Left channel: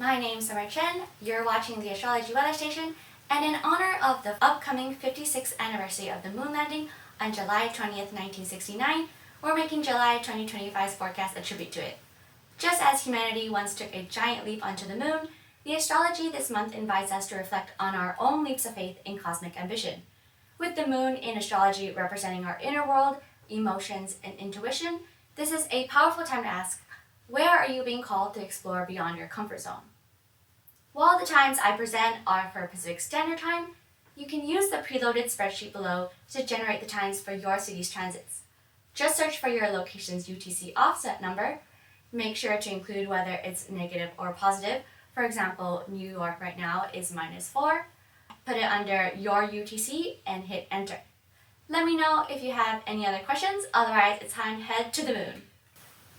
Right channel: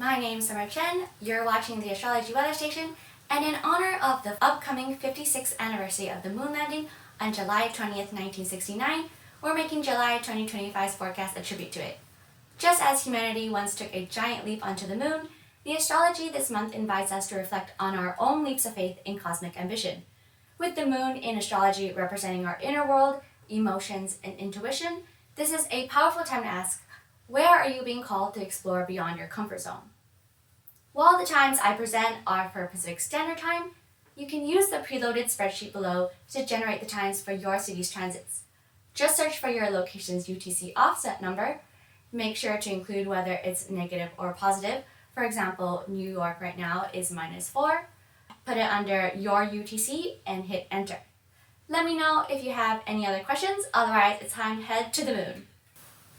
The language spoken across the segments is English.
My name's Summer Chen, you're watching the Astrology Weather Station, and in honor of the upcoming 56th anniversary of the moon landing on July 20th, 1969, we're making July 2025's forecast a tribute to it. Just as humanity once took a giant leap onto the moon, the astrology this month invites us to reflect on our own leaps of faith in cosmic ambition. With the moon in astrology representing our inner world, emotions, and intuition, this is a powerful time to ask, where are you being called to explore beyond your comfort zone? While the times I present are for Pacific Standard Time, you can use the preloaded spreadsheet below to generate the times for your city's transits. Just search for your location's UTC offset number. Make sure to include whether it's negative or positive. For example, New York right now is -4. Put it under your UTC and hit enter. Let me know if you have any other questions, otherwise it's time to head to the moon.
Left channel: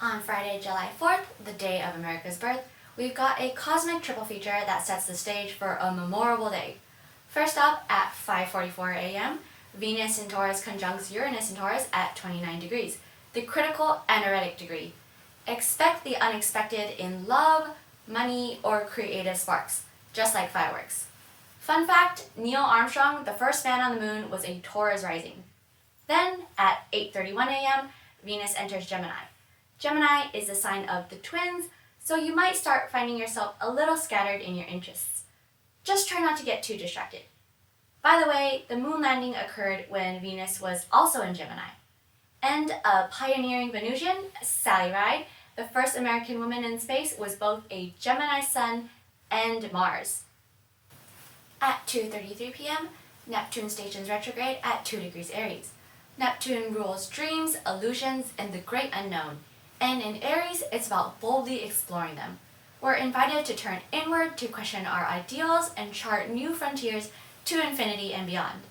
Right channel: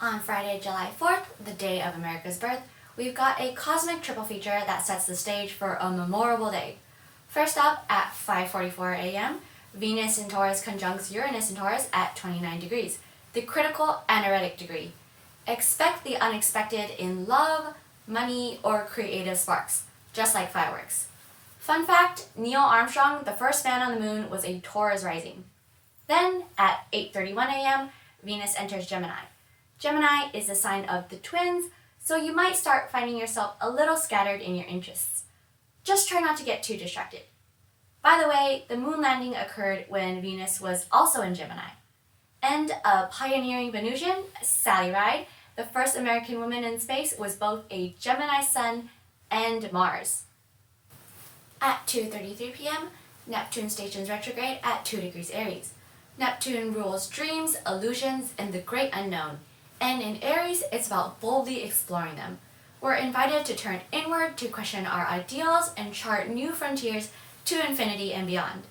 On Friday, July 4th, the day of America's birth, we've got a cosmic triple feature that sets the stage for a memorable day. First up, at 5:44 a.m., Venus in Taurus conjuncts Uranus in Taurus at 29 degrees, the critical aneretic degree. Expect the unexpected in love, money, or creative sparks, just like fireworks. Fun fact, Neil Armstrong, the first man on the moon, was a Taurus rising. Then, at 8:31 a.m., Venus enters Gemini. Gemini is the sign of the twins, so you might start finding yourself a little scattered in your interests. Just try not to get too distracted. By the way, the moon landing occurred when Venus was also in Gemini. And a pioneering Venusian, Sally Ride, the first American woman in space, was both a Gemini sun and Mars. At 2:33 p.m., Neptune stations retrograde at 2 degrees Aries. Neptune rules dreams, illusions, and the great unknown. And in Aries, it's about boldly exploring them. We're invited to turn inward to question our ideals and chart new frontiers to infinity and beyond.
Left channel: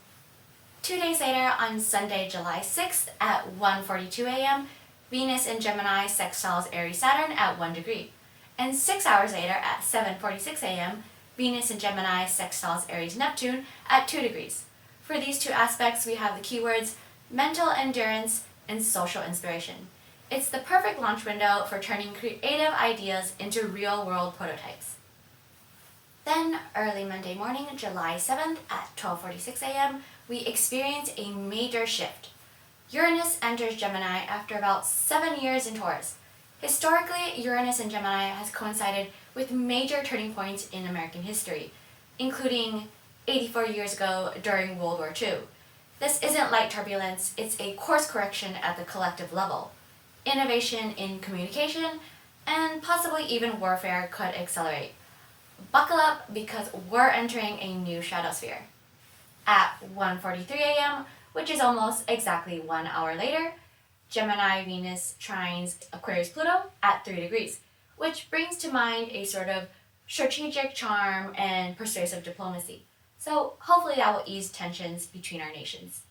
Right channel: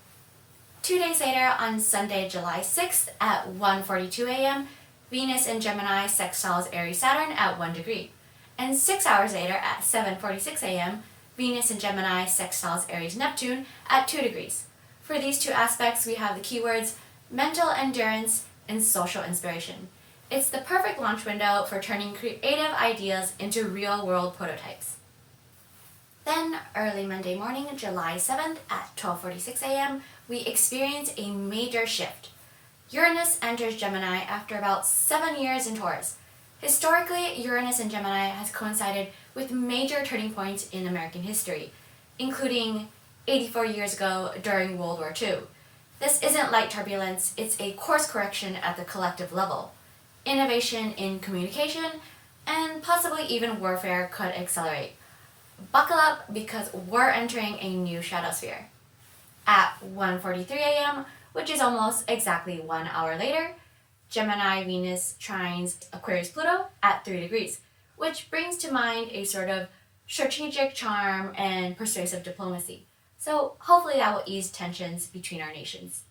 2 days later, on Sunday, July 6th at 1:42 a.m., Venus in Gemini sextiles Aries Saturn at 1 degree. And 6 hours later at 7:46 a.m., Venus in Gemini sextiles Aries Neptune at 2 degrees. For these two aspects, we have the keywords mental endurance and social inspiration. It's the perfect launch window for turning creative ideas into real-world prototypes. Then, early Monday morning, July 7th at 12:46 a.m., we experience a major shift. Uranus enters Gemini after about 7 years in Taurus. Historically, Uranus in Gemini has coincided with major turning points in American history, including 84 years ago during World War II. This isn't light turbulence, it's a course correction at the collective level. Innovation in communication, and possibly even warfare could accelerate. Buckle up because we're entering a new shadow sphere. At 1:43 a.m., which is almost exactly 1 hour later, Gemini Venus trines Aquarius Pluto at 3 degrees, which brings to mind a sort of strategic charm and persuasive diplomacy. So hopefully that will ease tensions between our nations.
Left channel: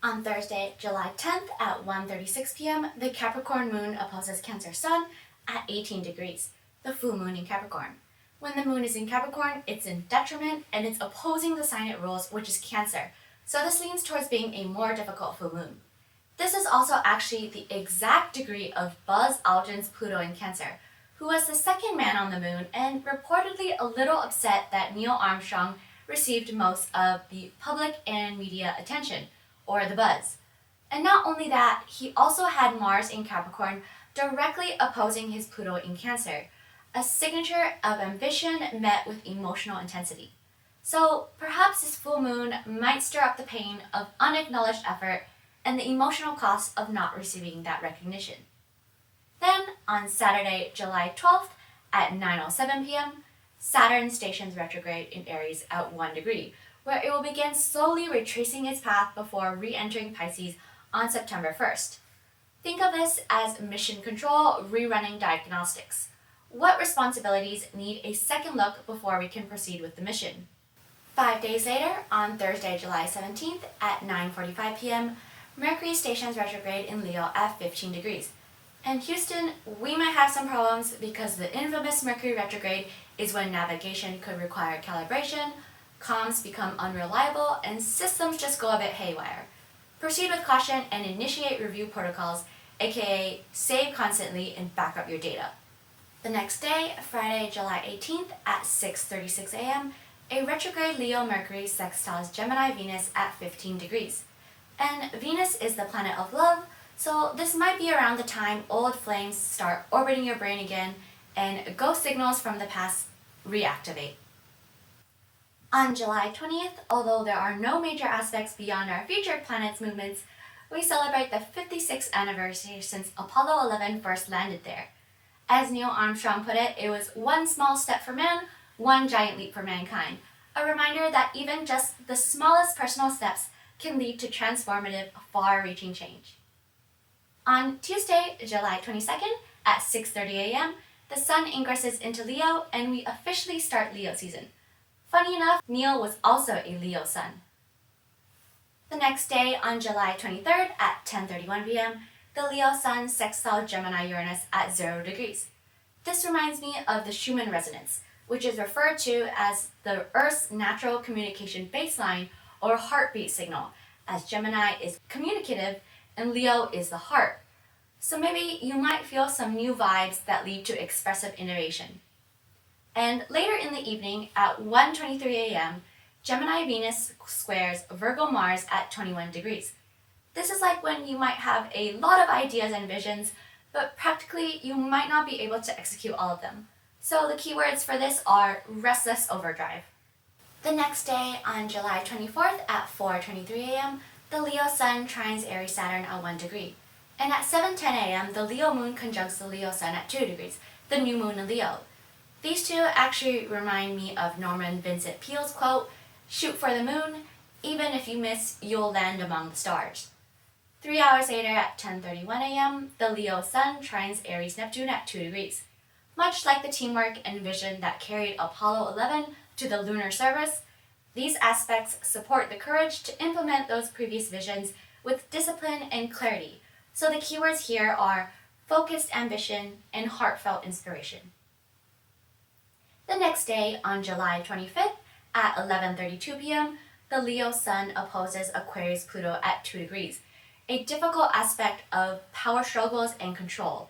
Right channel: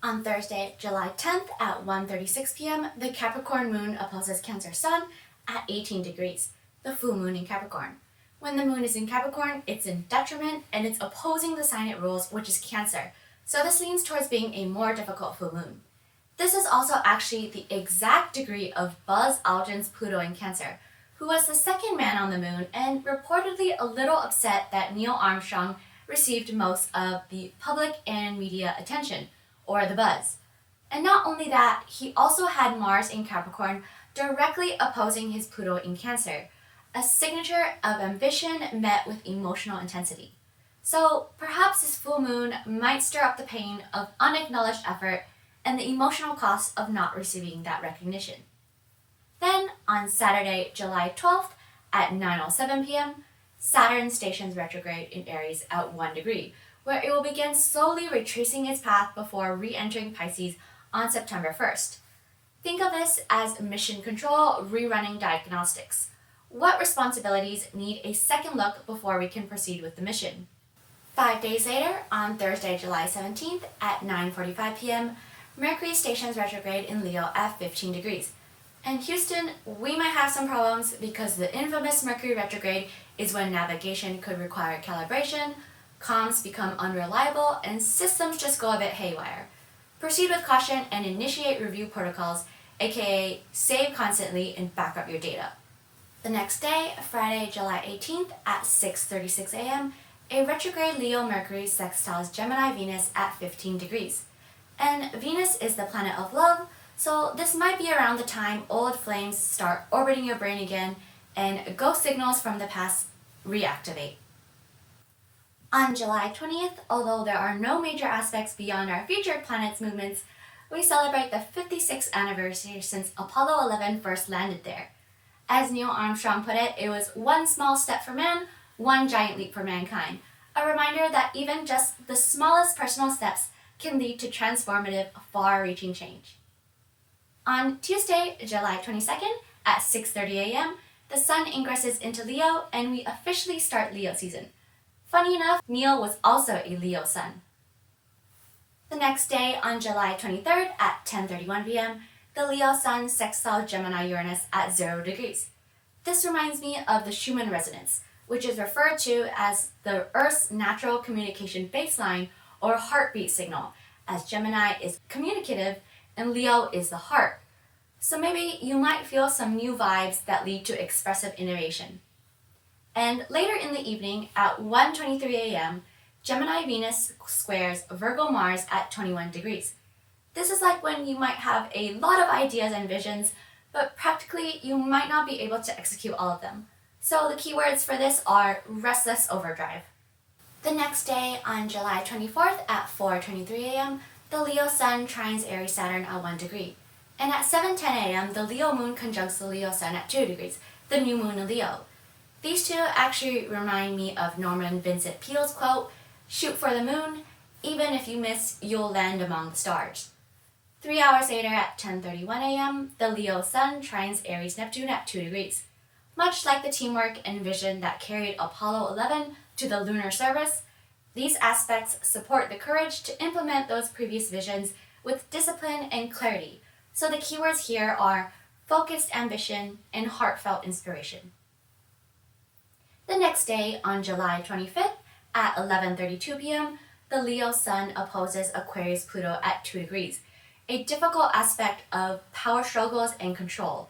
On Thursday, July 10th at 1:36 p.m., the Capricorn moon opposes Cancer sun at 18 degrees, the full moon in Capricorn. When the moon is in Capricorn, it's in detriment and it's opposing the sign it rules, which is Cancer. So this leans towards being a more difficult full moon. This is also actually the exact degree of Buzz Aldrin's Pluto in Cancer, who was the second man on the moon and reportedly a little upset that Neil Armstrong received most of the public and media attention, or the buzz. And not only that, he also had Mars in Capricorn directly opposing his Pluto in Cancer, a signature of ambition met with emotional intensity. So perhaps this full moon might stir up the pain of unacknowledged effort and the emotional cost of not receiving that recognition. Then, on Saturday, July 12th at 9:07 p.m., Saturn stations retrograde in Aries at 1 degree, where it will begin slowly retracing its path before re-entering Pisces on September 1st. Think of this as mission control rerunning diagnostics. What responsibilities need a second look before we can proceed with the mission? 5 days later, on Thursday, July 17th at 9:45 p.m., Mercury stations retrograde in Leo at 15 degrees. And Houston, we might have some problems because the infamous Mercury retrograde is when navigation could require calibration, comms become unreliable, and systems just go a bit haywire. Proceed with caution and initiate review protocols, aka save constantly and back up your data. The next day, Friday, July 18th at 6:36 a.m., a retrograde Leo Mercury sextiles Gemini Venus at 15 degrees. And Venus is the planet of love, so this might be around the time old flames start orbiting your brain again and ghost signals from the past reactivate. On July 20th, although there are no major aspects beyond our featured planets' movements, we celebrate the 56th anniversary since Apollo 11 first landed there. As Neil Armstrong put it, it was one small step for man, one giant leap for mankind. A reminder that even just the smallest personal steps can lead to transformative, far-reaching change. On Tuesday, July 22nd at 6:30 a.m., the sun ingresses into Leo and we officially start Leo season. Funny enough, Neil was also a Leo sun. The next day, on July 23rd at 10:31 p.m., the Leo sun sextiles Gemini Uranus at 0 degrees. This reminds me of the Schumann resonance, which is referred to as the Earth's natural communication baseline or heartbeat signal, as Gemini is communicative and Leo is the heart. So maybe you might feel some new vibes that lead to expressive innovation. And later in the evening at 1:23 a.m., Gemini Venus squares Virgo Mars at 21 degrees. This is like when you might have a lot of ideas and visions, but practically you might not be able to execute all of them. So the keywords for this are restless overdrive. The next day, on July 24th at 4:23 a.m., the Leo Sun trines Aries Saturn at 1 degree. And at 7:10 a.m., the Leo Moon conjuncts the Leo Sun at 2 degrees, the new moon in Leo. These two actually remind me of Norman Vincent Peale's quote, "Shoot for the moon, even if you miss, you'll land among the stars." 3 hours later at 10:31 a.m., the Leo Sun trines Aries Neptune at 2 degrees. Much like the teamwork and vision that carried Apollo 11 to the lunar surface, these aspects support the courage to implement those previous visions with discipline and clarity. So the keywords here are focused ambition and heartfelt inspiration. The next day, on July 25th at 11:32 p.m., the Leo Sun opposes Aquarius Pluto at 2 degrees, a difficult aspect of power struggles and control.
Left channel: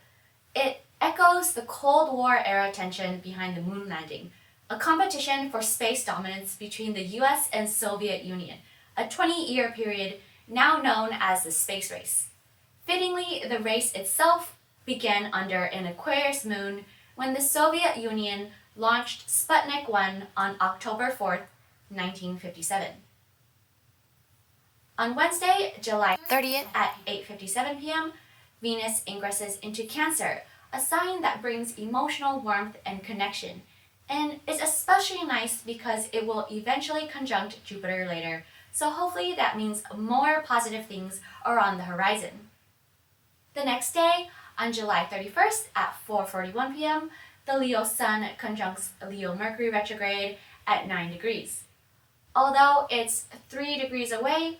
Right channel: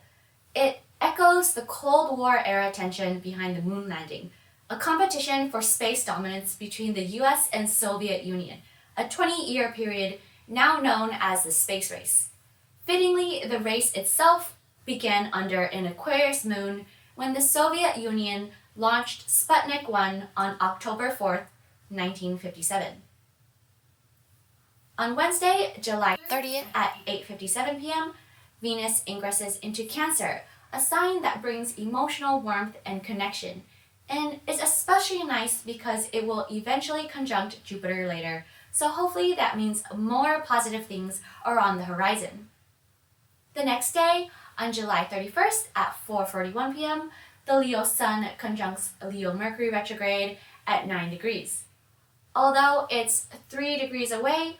It echoes the Cold War era tension behind the moon landing, a competition for space dominance between the US and Soviet Union, a 20-year period now known as the space race. Fittingly, the race itself began under an Aquarius moon when the Soviet Union launched Sputnik 1 on October 4th, 1957. On Wednesday, July 30th at 8:57 p.m., Venus ingresses into Cancer, a sign that brings emotional warmth and connection, and is especially nice because it will eventually conjunct Jupiter later, so hopefully that means more positive things are on the horizon. The next day, on July 31st at 4:41 p.m., the Leo Sun conjuncts Leo Mercury retrograde at 9 degrees. Although it's 3 degrees away,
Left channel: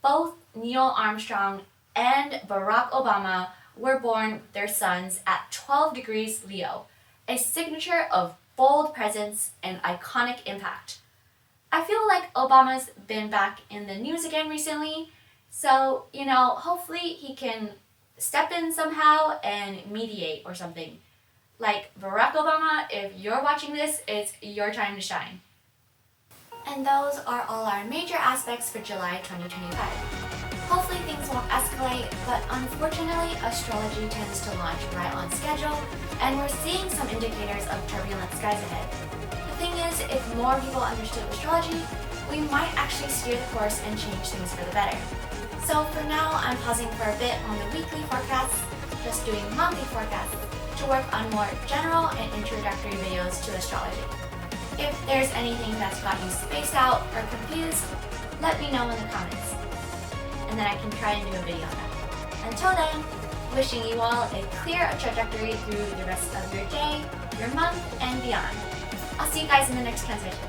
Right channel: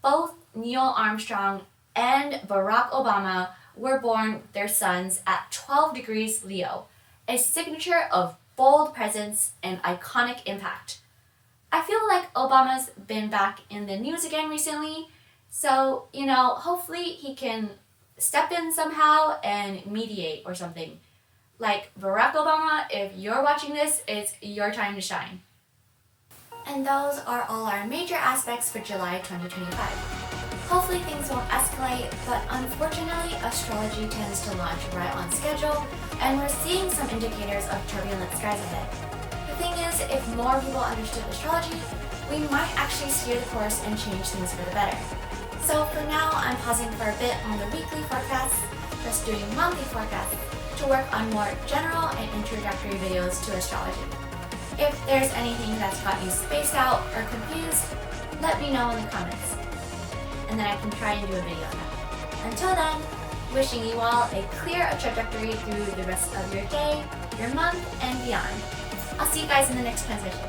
both Neil Armstrong and Barack Obama were born with their suns at 12 degrees Leo, a signature of bold presence and iconic impact. I feel like Obama's been back in the news again recently, so, hopefully he can step in somehow and mediate or something. Like Barack Obama, if you're watching this, it's your time to shine. And those are all our major aspects for July 2025. Hopefully things won't escalate, but unfortunately astrology tends to launch right on schedule, and we're seeing some indicators of turbulent skies ahead. The thing is, if more people understood astrology, we might actually steer the course and change things for the better. So for now, I'm pausing for a bit on the weekly forecasts, just doing monthly forecasts to work on more general and introductory videos to astrology. If there's anything that's got you spaced out or confused, let me know in the comments, and then I can try and do a video on that. Until then, wishing you all a clear trajectory through the rest of your day, your month, and beyond. I'll see you guys in the next transmission.